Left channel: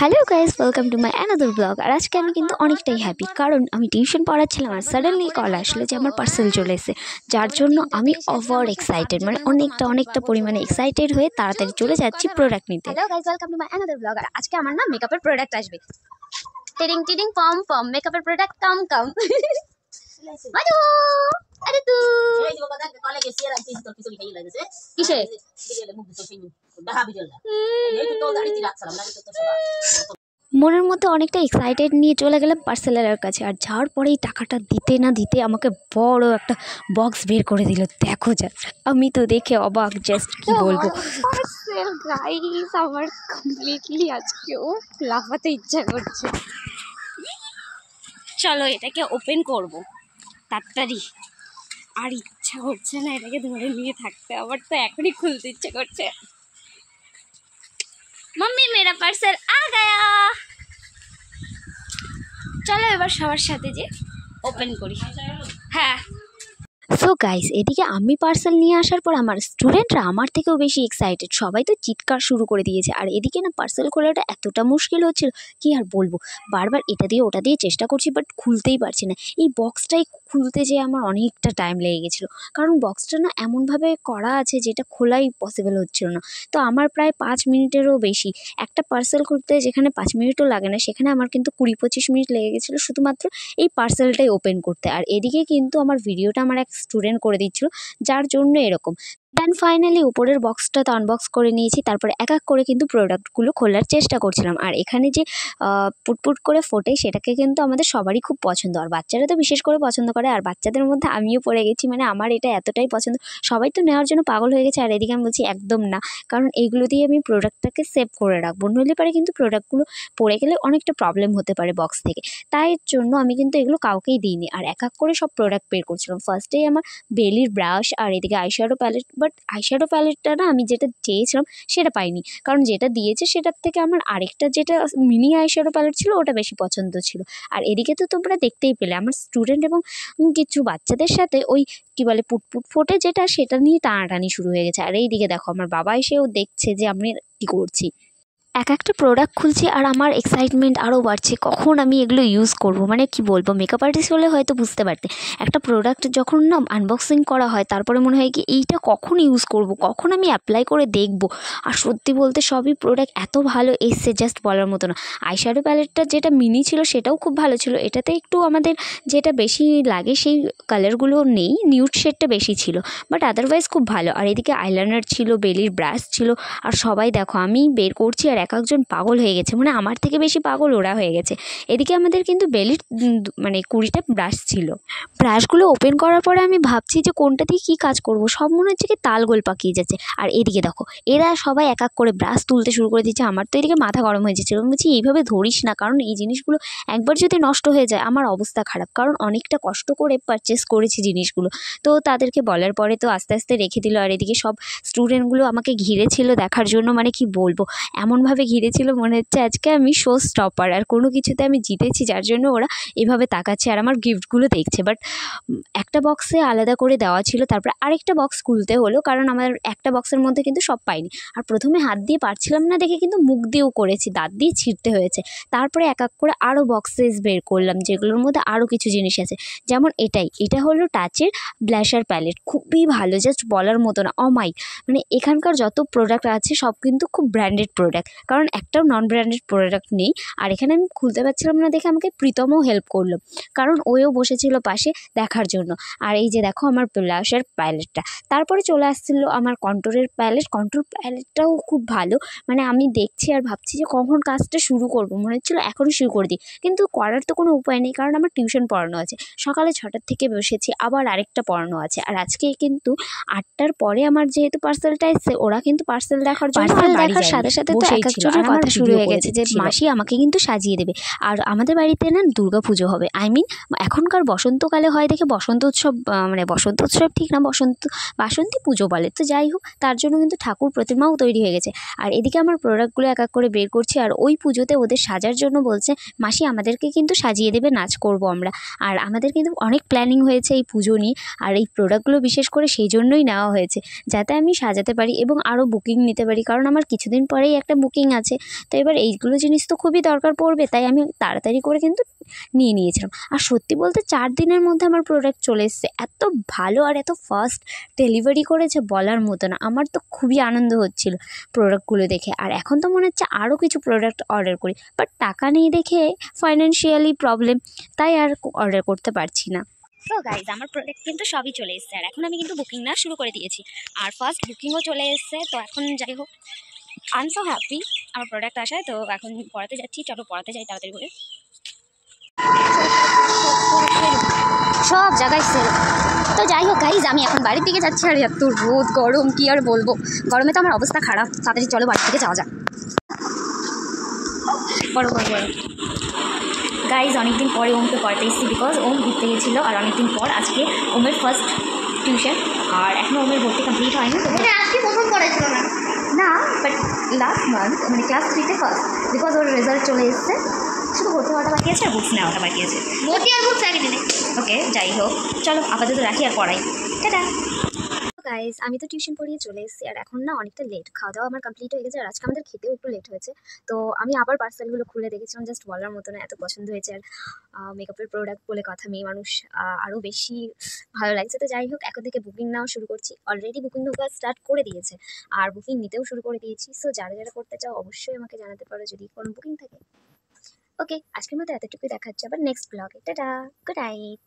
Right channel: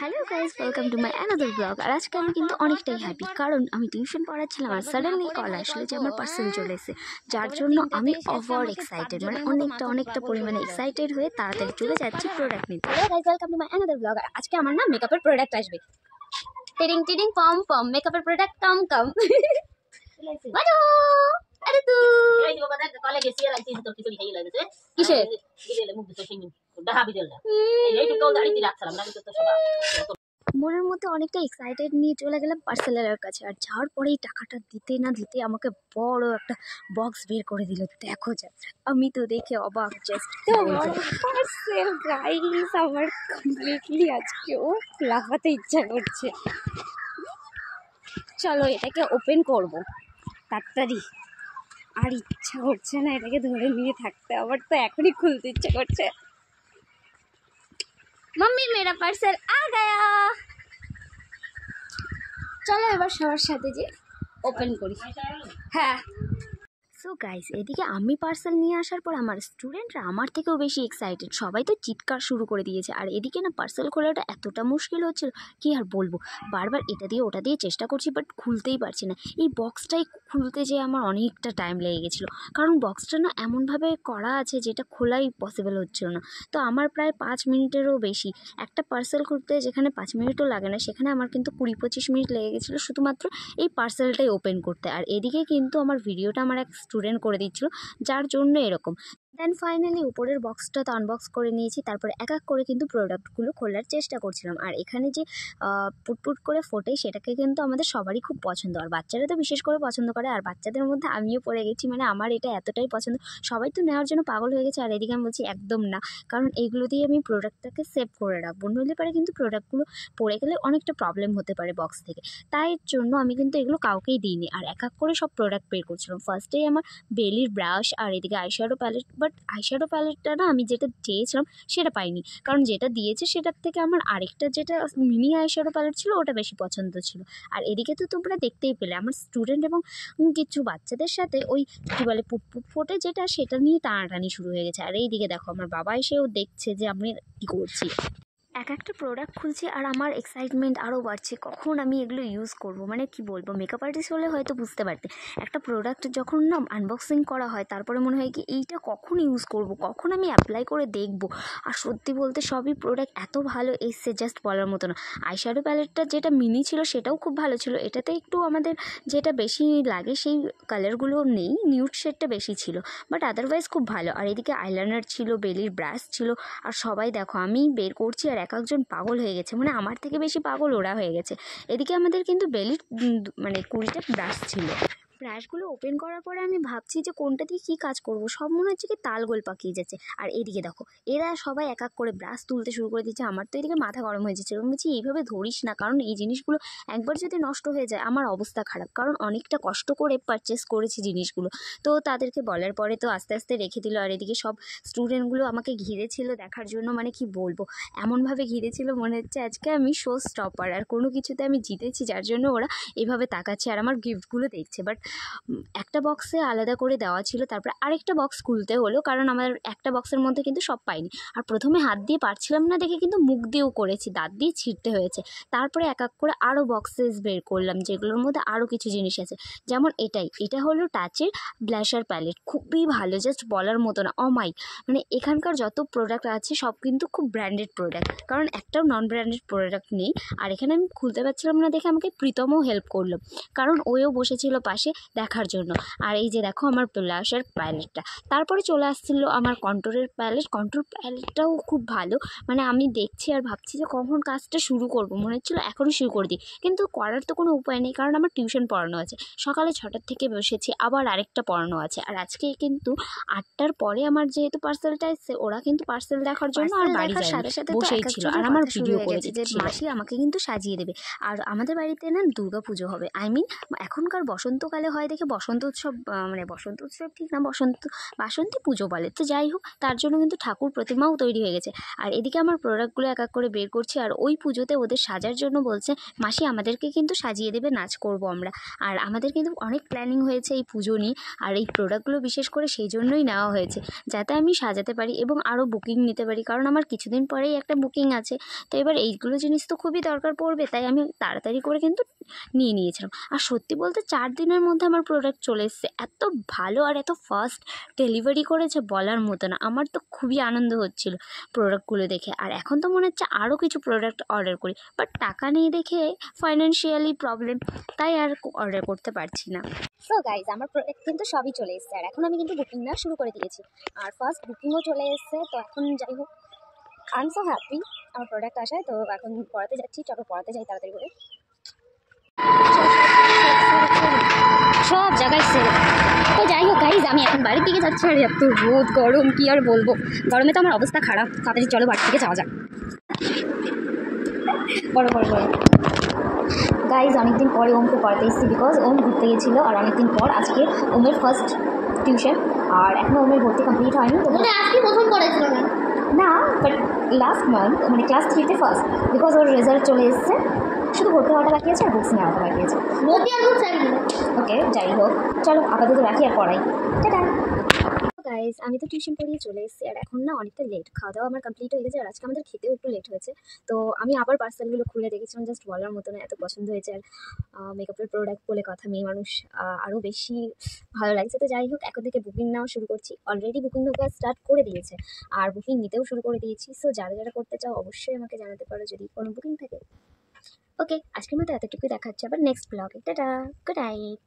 Hello guys, welcome to my another blog. আর আজকে আমি কিন্তু অনেকটাই হ্যাপি, কারণ আমি টিউশন পড়াচ্ছিলাম আর সাডেনলি কল আসলো যে আমার পার্সেল চলে এসেছে, যার জন্য আমি ওভার এক্সাইটেড, মানে অনেকটা পরিমাণে এক্সাইটেড হয়ে তাড়াতাড়ি চলে যাচ্ছি প্রোডাক্ট নিতে। Hello guys, welcome to my another blog. আর আজকে আমার না মেকআপের প্রোডাক্ট আসবে। টিডিং টিডিং পম পম, মেকআপের প্রোডাক্ট কাম কাম। বাজো আরে তু এই যে বাবা দেখ কলে গেছি আর আইছি তো কিছু খাই লাগছে কিসে দিলে মুখ দিতে সেই ডাহা বিজলটা এই তো দাঁড়ি রাখছিলাম না তো সবাই মনের মধ্যে অনেকটা এক্সাইটেড নিয়ে চলে গেলাম পার্সেলারের কাছে। আর যাওয়ার পরেই টাকাটা দিতে না দিতে আমাকে বড় একটা বক্স বের করে দিল। দেখো যা, আমি তো দেখে অবাক, জাস্ট কি বলবো। পার্সেল গাইস, আমার কমপ্লিটলি আজকেও লাফাতে ইচ্ছা করছে। চলো এটাকে ওপেন করব তাড়াতাড়ি। আর ইচ্ছা করছে না এটাকে ধরে নিয়ে থাকতে, আমার তো এখনই খুলতে ইচ্ছা করছে। मम्मी मेरा पार्सल आ गया। চলো এবার সবার সাথে যে ওপেন করি। হ্যাঁ সো গাইস, এদিকে আমি পার্সেল নিয়ে আসার পর আমার স্টুডেন্টরা আমার থেকেও বেশি এক্সাইটেড, সবাই তো চিৎকার শুরু করে দিয়েছে। আর এদিকে না পার্সেল খোলাটা এতটা মুশকিল হচ্ছিল, কি আর বলবো, বারবার এটা দিয়ে ওটা দিয়ে চেষ্টা করছি, বাট খুলতেই পারছি না। এই বক্সটাই খুলতে যেয়ে আমার অনেকটা টাইম লেগে গেছিলো, কারণ বক্সটা না এমনভাবে করা আছে যেটা খোলাই পসিবল হচ্ছিল না। তো আমার প্রায় 5 মিনিটেরও বেশি, একটা পার্সেল খুলতে যেখানে 5 মিনিটও লাগে না, সেখানে আমার কিন্তু 20-25 মিনিট লেগে গেছিলো শুধুমাত্র এই পার্সেলটাই ওপেন করতে। আর এদিকে কিন্তু আমার ভিডিওটা আমার এক স্টুডেন্ট করে দিচ্ছিল, যার জন্য এরকম। দেন ফাইনালি উপরের বক্সটা তো আনবক্স করে নিয়েছি, তারপরে এক এক করে কিন্তু প্রোডাক্টগুলো খোলার চেষ্টা করছিলাম। আর এখানে যে পুটপুট করে ফোটে, সেটাকে কিন্তু আমাদের সবারই খুব পছন্দ, আর বাচ্চারা তো বিশেষ করে পছন্দ করে। আর বাচ্চাদের মধ্যে আমিও পড়ে গেছি, মানে আমার এটা এতটাই পছন্দ, সবাই তো নেওয়ার জন্য পাগল হয়ে গেছে। আর এদিকে আমি বলছি একদম না, কারণ এইগুলো দিয়ে আমি প্রোডাক্টটাকে সেভ করে রাখবো, নইলে পারে কিন্তু প্রোডাক্টগুলো পড়ে গেলে অনেকটা প্রবলেম হতে পারে বক্স থেকে। তাই জন্য আমি কিন্তু এগুলো কাউকেই দিইনি, আর এক এক করে সব প্রোডাক্ট বের করছিলাম। ফার্স্টেই আমার বেলির ব্রাশ, আর এদিকে আইশ্যাডো প্যালেট। বাট আইশ্যাডো প্যালেটটা না আমি যেটা চেয়েছিলাম সেটা পাইনি, কারণ যেটা দিয়েছে সেটার থেকে আমার আরেকটা যেটা মিনি আইশ্যাডো প্যালেট ছিল ওটা বেশি পছন্দ ছিল। আর এদিকে তো তোমরা দেখতেই পেলে আমার স্টুডেন্ট এবং কিছু বাচ্চাদের সাথে ওই কী বলে পুটপুট ফোটে যেটা, সেটা নিয়ে টানাটানি শুরু হয়ে গেছে। আর এইদিকে দেখো আমার বাবা এসেও দেখছে যে আমি কী করছি। এক একটা প্রোডাক্ট খুলছি আর আমার এক্সাইটমেন্ট আরও বাড়ছে, কখন আমি এগুলো ইউজ করব। মানে কি বলবো, মেকআপ আর্টিস্ট হলে হয়তো বুঝতে পারতে, একটা প্রোডাক্ট যখন না আনবক্সিং করা হয় তারপরে মনে হয় কি এইটা কখন ইউজ করব, কখন আমি অ্যাপ্লাই করে দেখব। আর সত্যি বলতে সবই প্রোডাক্ট এত ভালো এসছে, জাস্ট বলার মতো না। আইশ্যাডো প্যালেটটা যেটা মিনি ছিল সেটাও খুব ভালো ছিল, এটাতে একটু আমাদের যেটা বেশি লাগে সেই কালারগুলো নেই, নিউড শেডটা বেশি ছিল, বাট আদারওয়াইজ খুব ভালো। আর এদিকে আইলাইনার ছিল, বেলির ব্রাশ ছিল। আর সবাই দেখো আমি বের করছি আর এক একজন পাগল হয়ে গেছে, মানে আমার থেকে বেশি পাগল ওরা হয়ে গেছে। এদিকে আমাদের কিন্তু বেলির মানে 20টা ব্রাশ ছিল। ব্রাশগুলো ওপেন করার পরে আমি ভাবছি যে কোনটা দিয়ে কী কাজ করব, সব মনে হচ্ছে কি তালগোল পাকিয়ে যাচ্ছে। আর এদিকে দেখো এরা সবাই এক এক করে ব্রাশ তুলতে শুরু করে দিচ্ছে, আমার তো এদিকে মাথা গরম হয়ে যাচ্ছে। আমি বলছি এইভাবে ধরিস না, কারণ এই জিনিসগুলো একবার যদি নষ্ট হয়ে যায় আমার অবস্থা খারাপ, কারণ অনেকটা কষ্ট করে পারচেস করেছি জিনিসগুলো। তো তাদেরকে বলার পরে তো আস্তে আস্তে রেখে দিল। আর এদিকে সব স্টুডেন্টগুলো আমাকে ঘিরেছিল দেখার জন্য, মানে কি বলবো, এমনভাবে ঘিরেছিল মনে হচ্ছে আজকে আমি শো স্টপার আর কোনো কিছুতে আমি জিতেছি, যার জন্য ওরা এভাবে তাকাচ্ছে আর আমার গিফটগুলো দেখছে। বাট একটা বক্সে আলাদা করে দেওয়া ছিল, তারপরে আরেকটা বক্স খুলতে হলো, কারণ আমার একটা বক্সের মধ্যে কিন্তু সব পাইনি। আর প্রথমে হাত দিয়ে পারছিলাম না দেখে কিন্তু মুখ দিয়েও করেছি, দাঁত দিয়ে ছিঁড়তে হয়েছে। তারপরে এক এক করে আরও বক্সেস বের করলাম, যেগুলোর মধ্যে আরও কিছু জিনিস আছে, যেমন এটা হলো টাচের ব্লাশার প্যালেট, খুবই ভালো, জাস্ট বলার মতো না, অমাইক। মানে এখানকার যত প্রোডাক্ট আছে সব কিন্তু খুব ব্র্যান্ডেড প্রোডাক্ট, কারণ একটাও নন ব্র্যান্ডেড প্রোডাক্ট নেই। আর এখানে আমি খুলতে পারছিলাম না দেখে আমাকে প্রীতমও হেল্প করলো, কারণ ওও বসেছিল পাশে দেখার জন্য। আর এই যে দেখো আমার ব্লাশের প্যালেটটা। তারপরে চলে আসছিলো আমার কন্ট্রোর প্যালেটটাও খুব ভালো। মানে আমি দেখছি আর ভাবছি যে কখন কাজটা শুরু করব, মনে হচ্ছিলো এখনই শুরু করে দিই, কিন্তু করার তো কোনো উপায় নেই, কারণ আমার টিউশন পড়ানো আছে, সকালে 6টার থেকে বসেছি, আবার আরেকটা পড়ানো আছে। আর আজকে কিন্তু 8টার পরে আমার যেহেতু পার্সেলটা এসছে, ওরা কিন্তু পার্সেল দেখার জন্য দেখার সাথে সাথে তো এক একজনের কথা শুরু হয়ে গেছে যে মাসি আমাকে কিন্তু সাজিয়ে দেবে। আর আমাদের বাড়িতে না দুর্গা পুজো হবে, এখনকার বসন্তকালে হয় দেখে বসন্ত উৎসব, মানে বসন্ত উৎসব ঠিক না, বাসন্তী পুজো বলে, তো যাই হোক, তার জন্য কিন্তু ঠাকুর প্রতিমাও তৈরি হয়ে গেছে। আর এদিকে আমার প্রোডাক্টগুলো এক এক করে বের করছি, আর ওই পুজোতে ওদের সাজার জন্য বলছে মাসি আমাদেরকে কিন্তু সাজিয়ে দেবে, নাচ করব আমরা। আর আমাদের কিন্তু অনেক প্ল্যানিং হয়েছে এই পুজো নিয়ে, আর এই প্রোডাক্টগুলো বিশেষ করে সেই জন্যই নেওয়া হয়েছে, যাতে আমি সাজাতে পারি এবং আরও বুকিং নিতে পারি, কারণ আমার কিছুদিন পরেই একটা বুকিং বুকিং আছে। তো এবার এইগুলো জিনিস তো খুবই দরকার পড়বে, তাই আমি তাড়াতাড়ি করে কিন্তু নিয়ে নিয়েছিলাম। আর সত্যি বলতে 4 দিনের মধ্যে আমার প্রোডাক্ট চলে এসেছে। এত ভালো আর এত ফাস্ট ডেলিভারি করেছে বলার মতো না। আমার তো খুবই আনন্দ হচ্ছিল প্রোডাক্টগুলো দেখে। আর এখন তো মনে হচ্ছে আরও কিছু প্রোডাক্ট অর্ডার করি, বাট টাকা নেই দেখে ফাইন্যান্সিয়ালি প্রবলেম, তাই আর অর্ডার করতে পারছি না। সো গাইজ আমার প্রোডাক্ট কিন্তু সবই চলে এসেছে, আর এখন আমি কিন্তু বুকিং না শুরু করে দিয়েছি, আর ফার্স্ট বুকিংও চলে এসেছে। তো এখন যাই হোক, আই এম সো হ্যাপি আমার প্রোডাক্ট আসায়। তো এখন পড়াতে যাচ্ছি, চলো পড়াতে যাই তাড়াতাড়ি করে। সব জায়গায় সেল। তো যাই হোক গাইজ, আমি এখন বাড়ির দিকে যাচ্ছি, আর এত রোদ গরম কি আর বলবো, গরমে তো আমার অবস্থা খারাপ। তাড়াতাড়ি চলো বাড়ির দিকে যাওয়া যাক। বড় গাইজ, অনেকদিন পরে ওমকে পড়াতে এসেছি, বিকজ ওম ঘুরতে গেছিলো। আর অনেকদিন পর আজকে ওমের ফার্স্ট টিউশন, আর এখনও ওমের ভর্তি কমপ্লিট হয়নি। তো আজকে প্রথম পড়েছিল না, না, বাট লাস্ট মান্থ মানে ক্লাস 3-তে ফার্স্ট, বিকজ ওর রেজাল্ট চলে এসছে। শুধু ভর্তি হওয়াটা বাকি আছে আর বুকস নেওয়াটা বাকি আছে। ভর্তি আর বুকস আগে দিলে। ওকে, যাই হোক, চলো আপাতত রাখি আর পড়াই। টাটা। গাইজ আমি তো টিউশন পড়িয়ে চলে এসেছি, আর এখন না অনেকটা লেট, খাওয়া দাওয়া আমার কমপ্লিট হয়ে গেছে, আর আজকে আমাদের খেতেও একটু লেট হয়েছে। তো আমি আবার পার্সেলগুলো খুলে দেখেছিলাম, জাস্ট বলার মতো না, এত পছন্দ হয়েছে। আর মেকআপের প্রোডাক্ট বলে কথা, মেয়ে মানুষ আরও বেশি ভালো লাগছে। তো যাই হোক, এখন থেকে বুকিং নেওয়া শুরু করছি। অলরেডি বুকিং ঢোকা স্টার্ট করে দিয়েছে, আর বুকিং নিতেও শুরু করে দিয়েছি। সো যারা যারা করতে চাও অবশ্যই আমাকে জানাতে পারো যদি কোনো বুকিং থাকে। ওকে, আজকের মতো এতটুকুই, দেখা হচ্ছে আবার নেক্সট ব্লগে। Tata, good night.